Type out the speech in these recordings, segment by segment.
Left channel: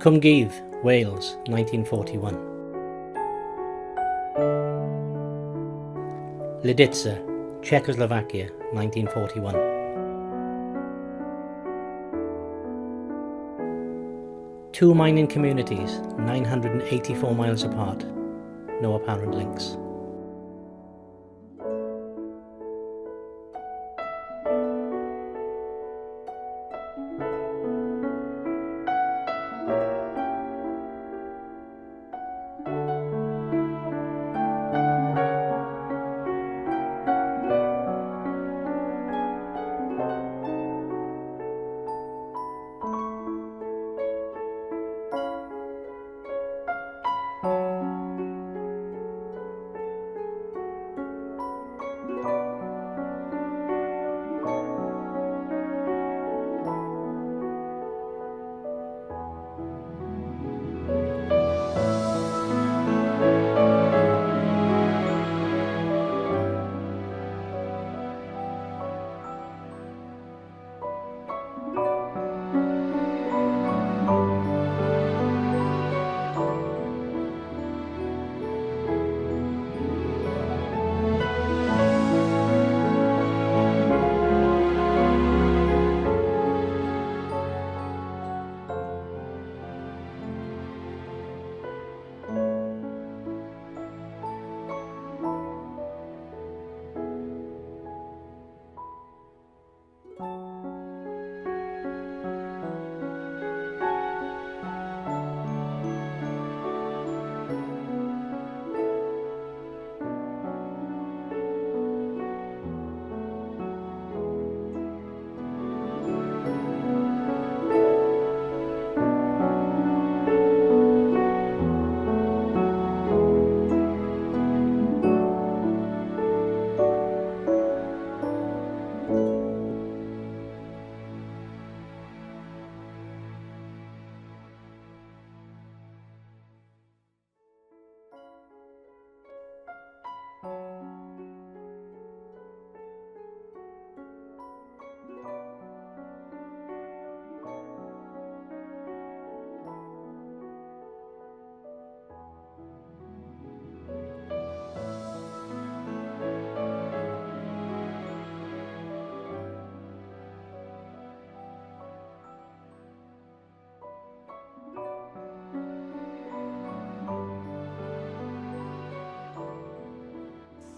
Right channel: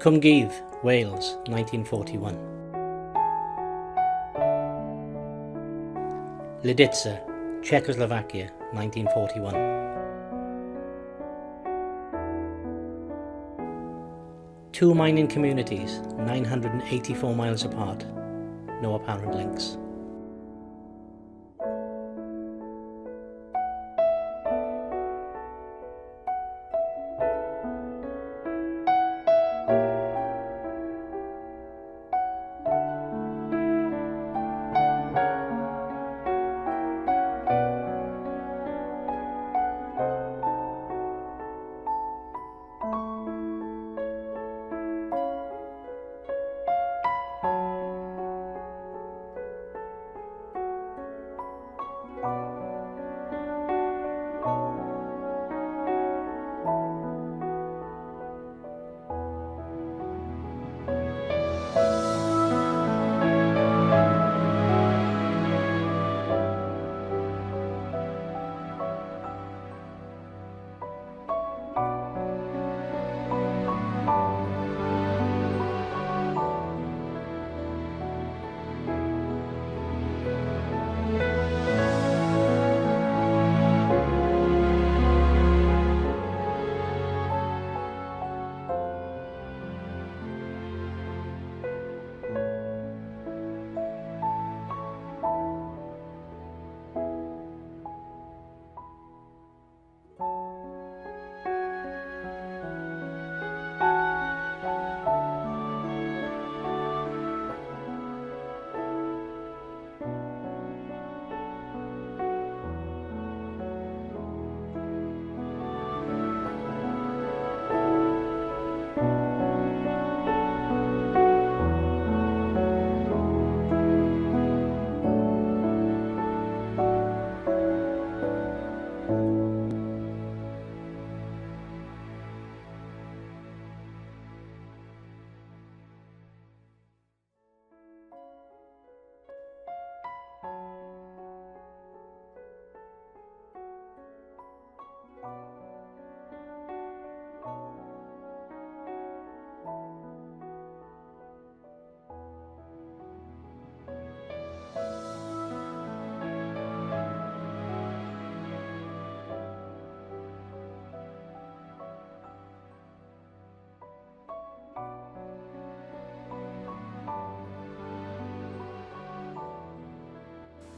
Cwmgiedd, Wales, 1941. Lidice, Czechoslovakia, 1941. Two mining communities, 984 miles apart. No apparent links.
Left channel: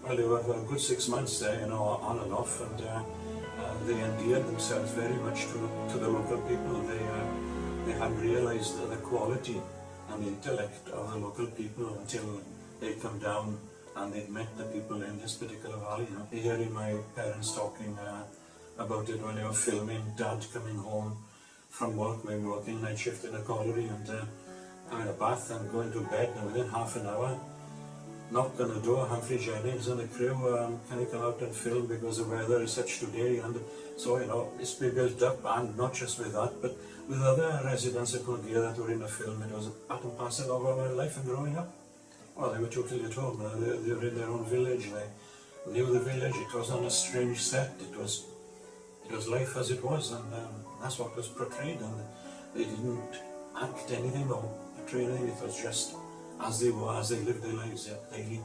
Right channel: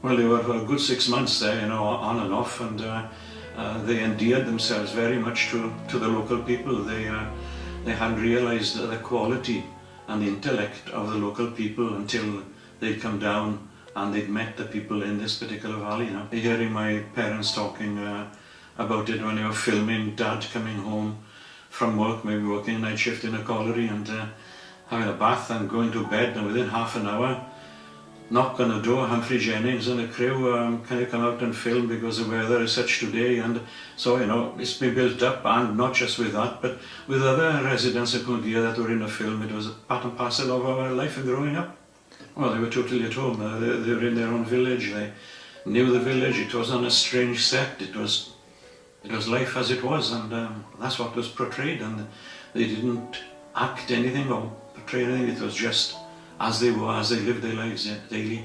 Well, they were for a good 6 months there, you know, on and off, and they endeared themselves very much to the local people. They hadn't realised the quality and the intellect of the local people until they'd come down and they'd met the people in this particular valley. You know, hearing my parents talking about it when they were filming Dad coming home from work, maybe working night shift in a colliery, and having a bath and going to bed, and within half an hour, knock on the door, Humphrey Jennings and the crew, can you come out and film because the weather is such today? And so, you know, it's been built up, and not just with that, but with other residents of Cwmgiedd that were in the film. It was a part and parcel of our life and growing up. Well, they were totally at home. They were in their own village. They knew the village. It wasn't a strange set. It was life as it was, and that's what was portrayed. And they didn't act anything or portray anything. It was just as they were, as they lived their lives daily.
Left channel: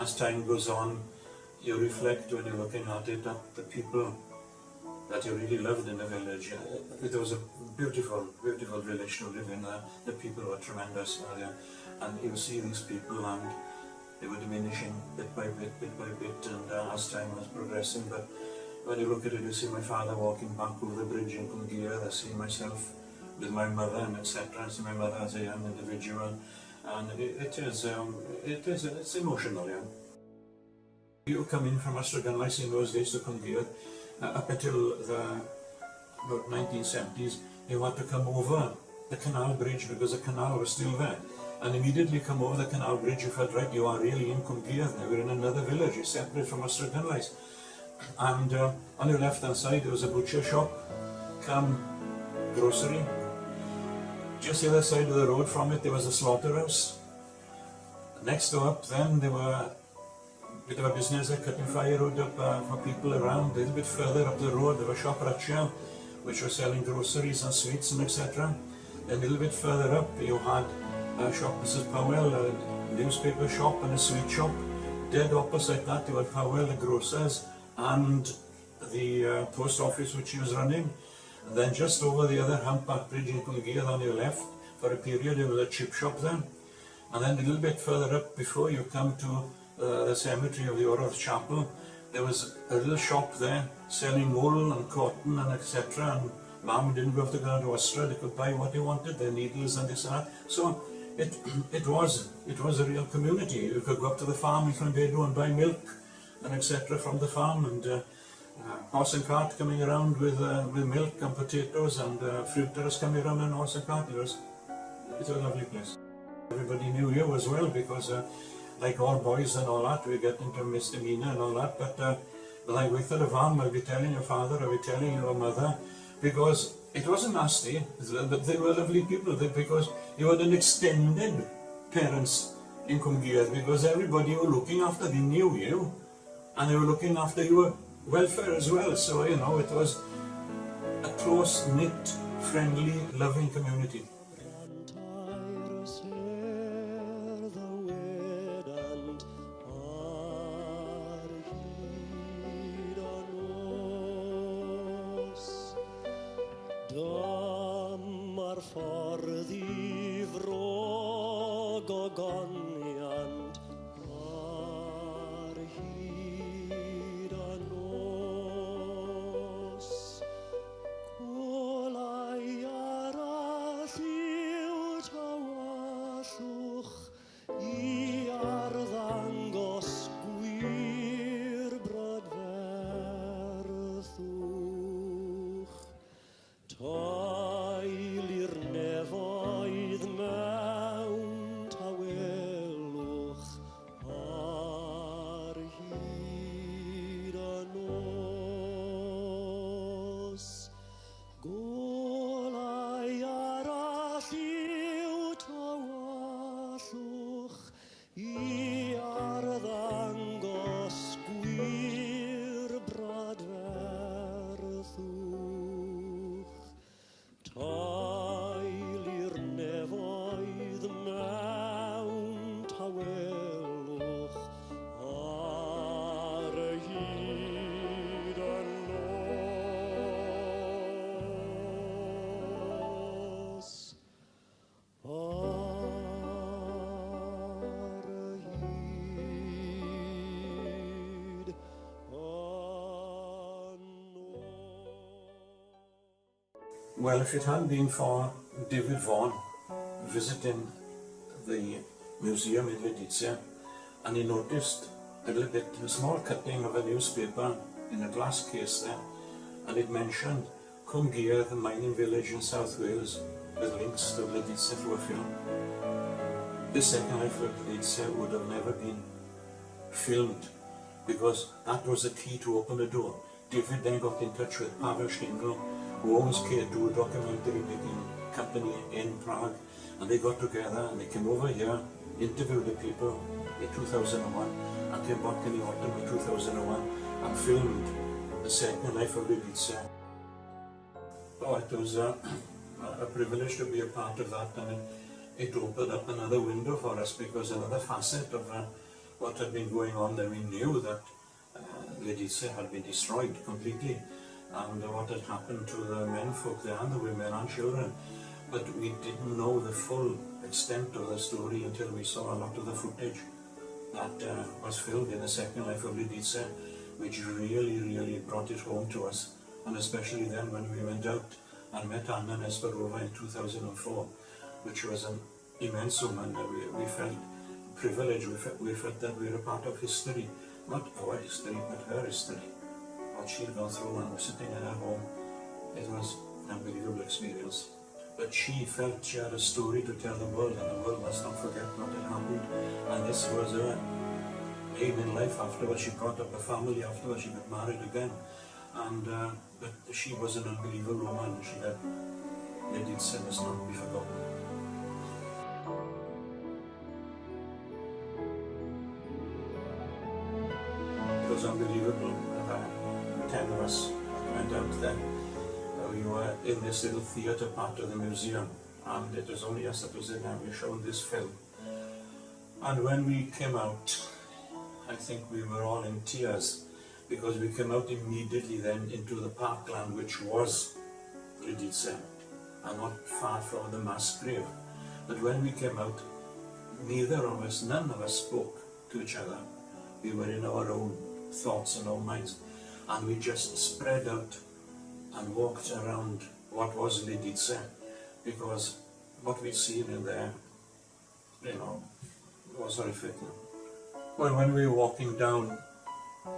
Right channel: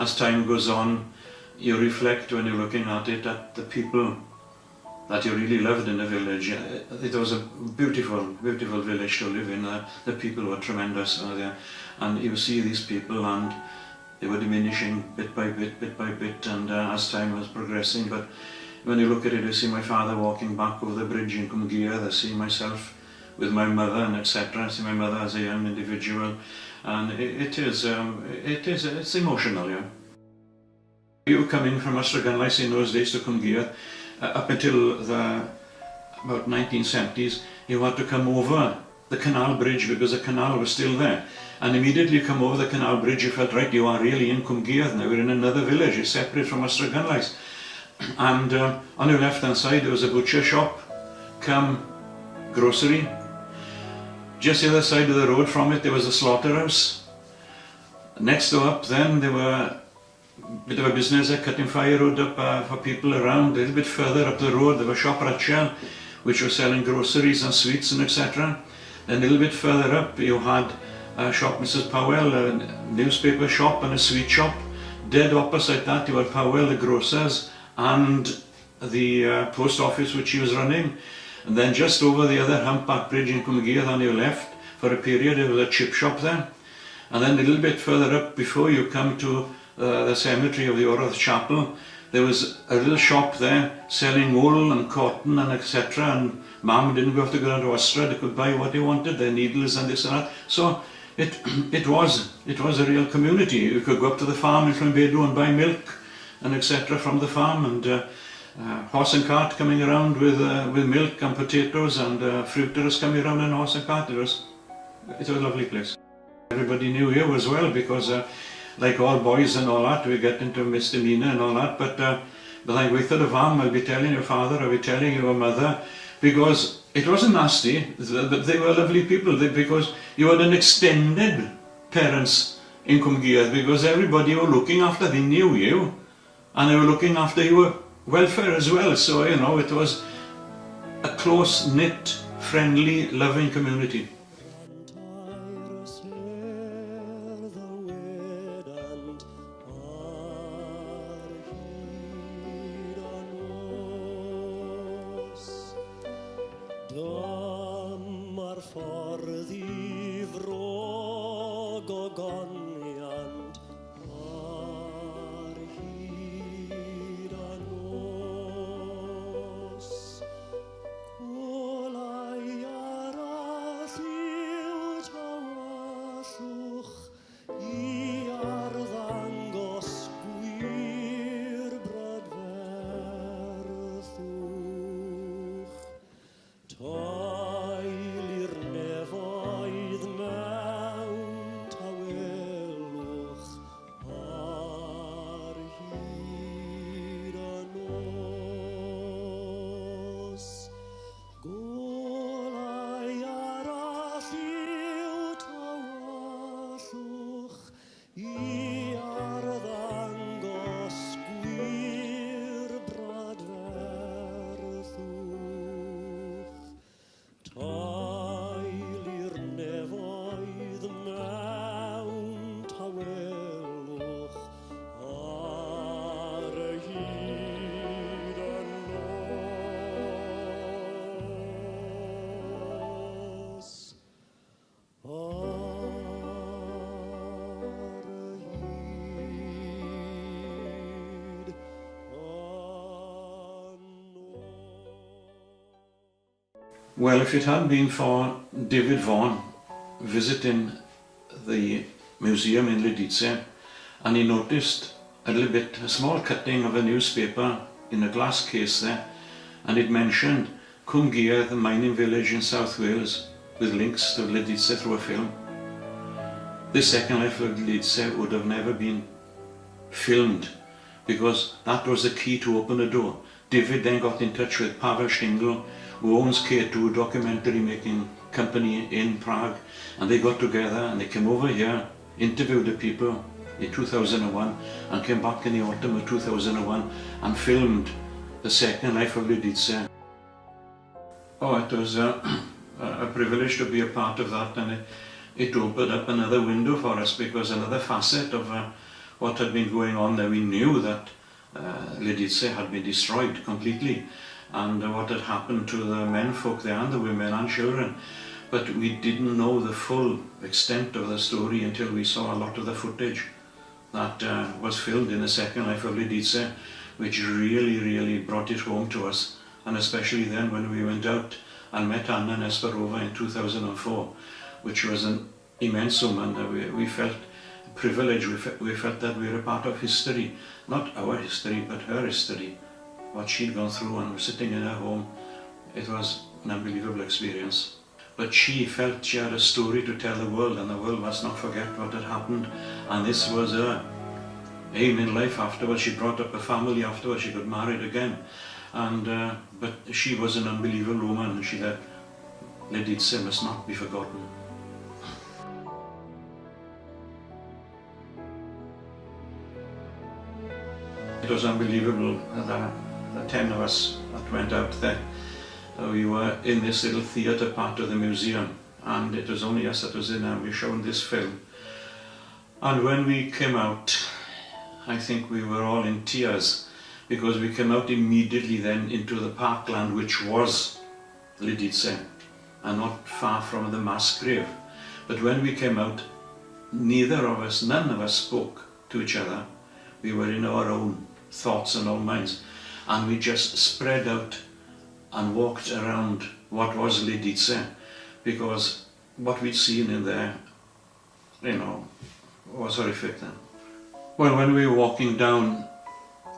As time goes on, you reflect when you're looking at it at the people that you really loved in the village. It was a beautiful, beautiful village to live in. The people were tremendous, and you see these people, and they were diminishing bit by bit, and as time was progressing. But when you look at it, you see my father walking back over the bridge in Cwmgiedd. I see myself with my mother, and etc. I see my mother as a young individual, and it's emotional, yeah. You coming from Ystradgynlais in those days to Cwmgiedd, up until the about 1970s, you had to come over the canal bridge because the canal was still there. And immediately you come over the canal bridge, you felt, right, you are really in Cwmgiedd now, we're in another village, you're separate from Ystradgynlais. And on your left hand side there was a butcher shop, come grocery. Just the other side of the road from it there was a slaughterhouse. Next door up then there were a bit of a business there, cutting firewood up for people around. A little bit further up the road there was shop Rachel, which was selling groceries and sweets and etc. Then a little bit further up you had shop Mrs. Powell, a newspaper shop and a sweet shop. Dead opposite that you had Powell, the grocers, and the post office which she was running. And then just over the other humpback bridge in Cwmgiedd on your left, for a period there was a chip shop there. And then a little bit further up before you come to the cemetery of the Tabernacle Chapel, there was a little shop there selling wool and cotton and etc. And Mum didn't have to go down to Ystradgynlais, they could buy what they wanted, their needles and this and that. So it was a real community. You could go up to the farm in Cwmgiedd and buy milk and etc. from the farm, and horse and cart coming around with milk and potatoes, and fruiterers coming around in horse and cart. It was a lovely place. Everybody knew you as well, because like all boys and all that, we get into misdemeanor and all that, but like with the farm, I'll be telling your father, I'll be telling your mother, because it wasn't nasty, they were lovely people, because you had an extended parents in Cwmgiedd, because everybody were looking after, they knew you, and they were looking after your welfare as well. So you know, it was a close-knit, friendly, loving community. Well, if it hadn't been for David Vaughan visiting the museum in Lidice, and he noticed a small cutting of a newspaper in a glass case there, and it mentioned Cwmgiedd, the mining village in South Wales, with links to Lidice through a film. The Second Life of Lidice would have never been filmed, because that was the key to open the door. David then got in touch with Pavel Stingl, who owns K2 documentary making company in Prague, and they got together and they came over here, interviewed the people in 2001, and came back in the autumn of 2001 and filmed the Second Life of Lidice. Oh, it was a privilege to be a part of that, and it opened up another window for us, because another facet of what had been going on there. We knew that Lidice had been destroyed completely, and what had happened to the menfolk there and the women and children, but we didn't know the full extent of the story until we saw a lot of the footage that was filmed in the Second Life of Lidice, which really brought it home to us, and especially then when we went out and met Anna Nesperova in 2004, which was an immense woman. We felt privileged, we felt that we were a part of history, not our history but her history. What she'd gone through, and we're sitting in her home. It was an unbelievable experience. but she felt she had a story to tell the world, and the world must not forget what had happened. And this was her aim in life afterwards. She brought up a family afterwards, she got married again. And but she was an unbelievable woman, and she said, Lidice must not be forgotten. It was unbelievable that the 10 of us that went out there. We were in this little theatre part of the museum, and it was only us that was in there. We were shown this film. And when we came out, I think we were all in tears, because we came out immediately then into the parkland, which was Lidice, and not far from the mass grave. But when we came out, neither of us, none of us spoke to each other. We were in our own thoughts and our minds, and we just spread out and walked around what was Lidice, because what we'd seen in there, was horrific then. Well, when we were walking down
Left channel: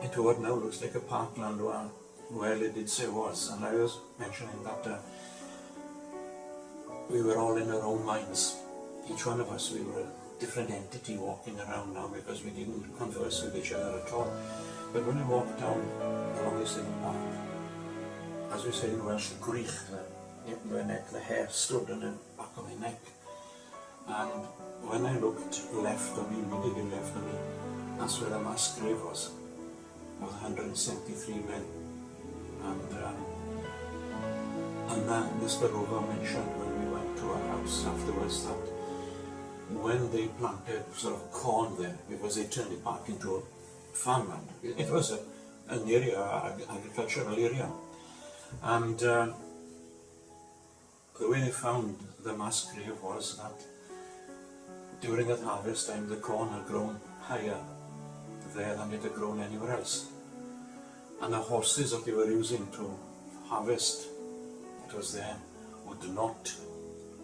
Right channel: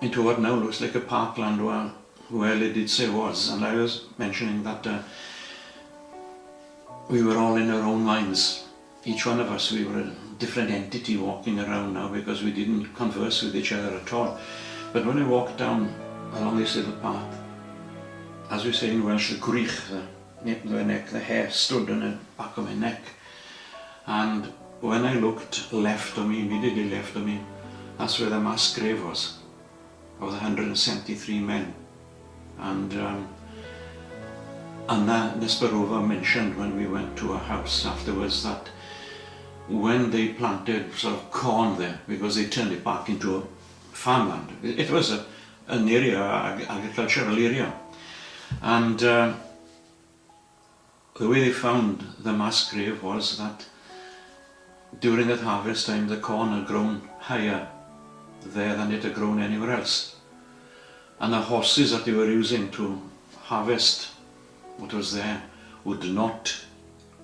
into what now looks like a parkland where Lidice was, and I was mentioning that we were all in our own minds. Each one of us, we were a different entity walking around now, because we didn't converse with each other at all. But when I walked down along this little path, as we say in Welsh, the grych, the neck, the hair stood on the back of my neck. And when I looked left of me, immediately left of me, that's where the mass grave was, of the 173 men. And Anna Nesperova mentioned when we went to her house afterwards that when they planted sort of corn there, because they turned it back into a farmland. It was an area, agricultural area. And the way they found the mass grave was that during that harvest time, the corn had grown higher there than it had grown anywhere else. And the horses that they were using to harvest what was there would not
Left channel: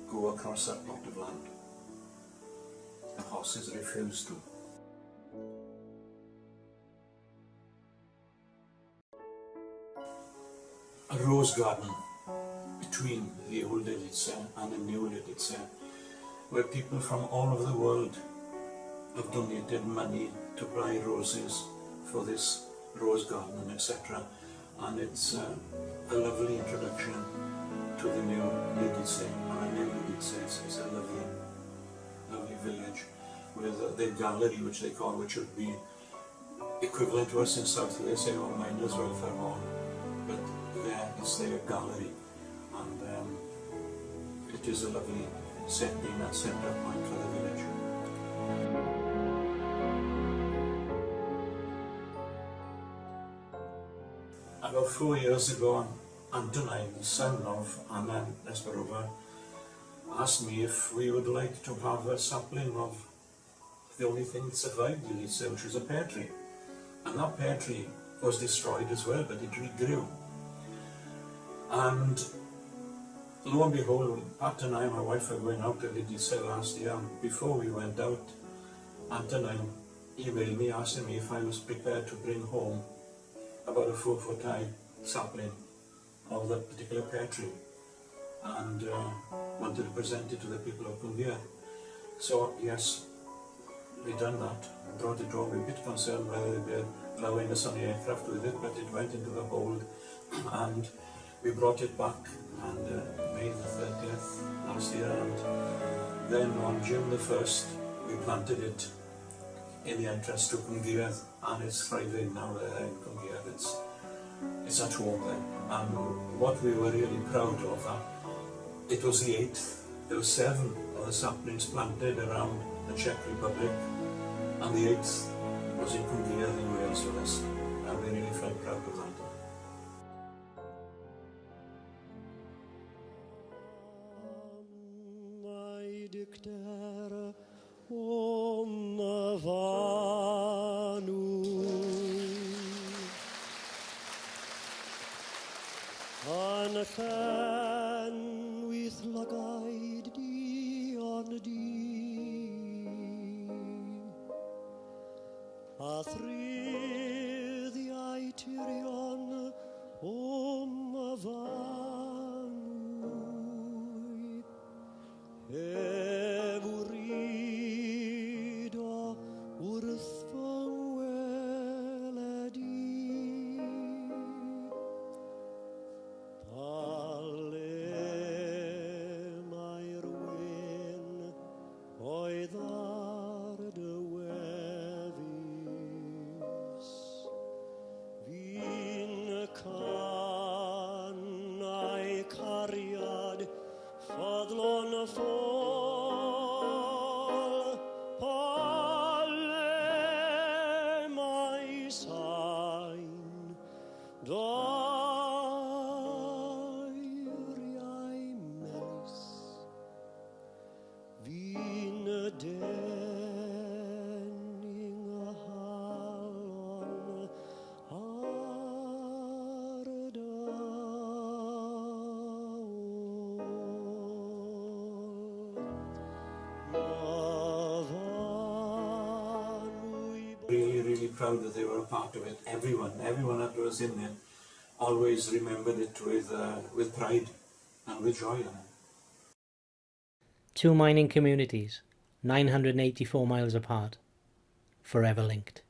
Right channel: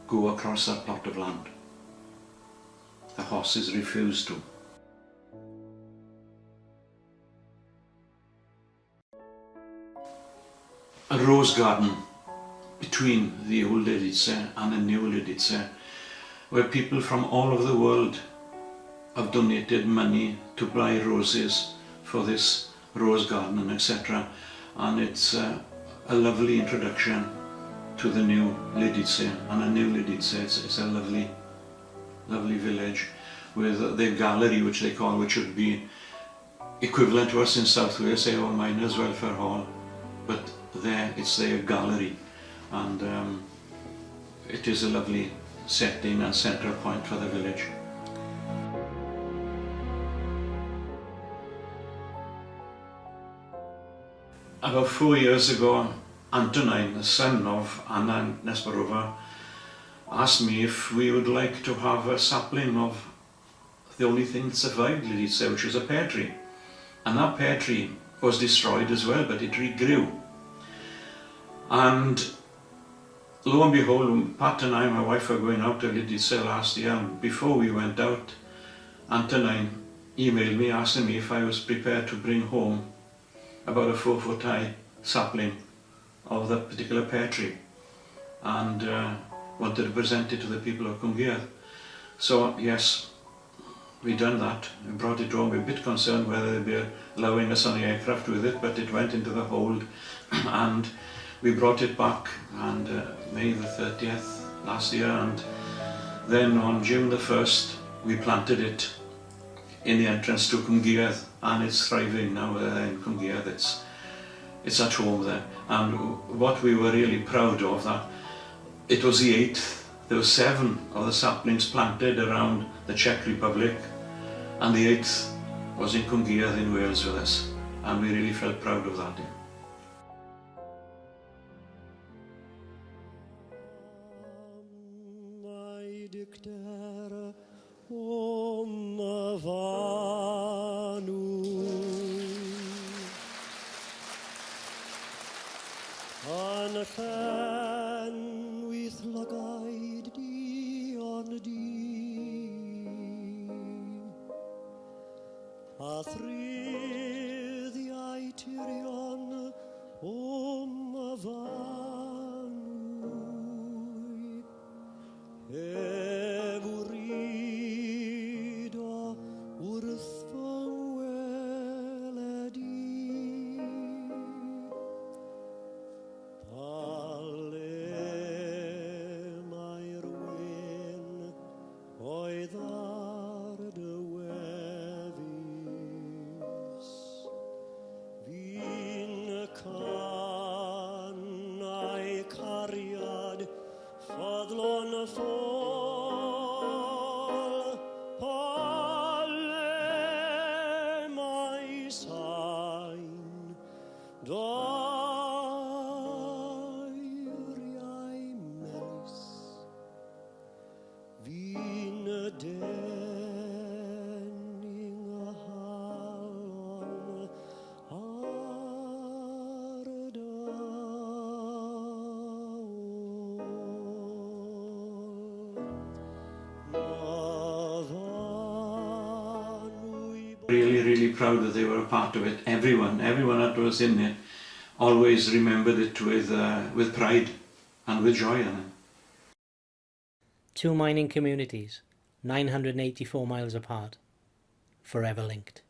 go across that plot of land. The horses refused to. A rose garden between the old Lidice and the new Lidice, where people from all over the world have donated money to buy roses for this rose garden and etc. And it's a lovely introduction to the new Lidice, and a new Lidice, it's a lovely village with their gallery, which they call, which would be equivalent to us in South Wales, say, our Miners' Welfare Hall, but there it's their gallery, and it is a lovely setting and centre point for the village. About 4 years ago, Antonin, the son of Anna Nesperova, asked me if we would like to have a sapling of the only thing that survived Lidice, which was a pear tree. And that pear tree was destroyed as well, but it regrew. And lo and behold, Pat and I, my wife, were going out to Lidice last year, and before we went out, Antonin emailed me asking me if I was prepared to bring home about a 4-foot high sapling of that particular pear tree, and wanted to present it to the people of Cwmgiedd. So yes, we done that. We brought it home. We were a bit concerned whether they'd be allowing us on the aircraft with it, but it went into the hold and we brought it back, and May the 30th last year, and then on June the 1st we planted it in the entrance to Cwmgiedd, and it's thriving now there in Cwmgiedd. It's at home there. And what we were really proud of, that it was the 8th. There were 7 of the saplings planted around the Czech Republic, and the 8th was in Cwmgiedd in Wales with us, and we really felt proud of that. Really proud that they were a part of it. Everyone that was in it always remembered it with pride and with joy. Two mining communities, 984 miles apart, forever linked.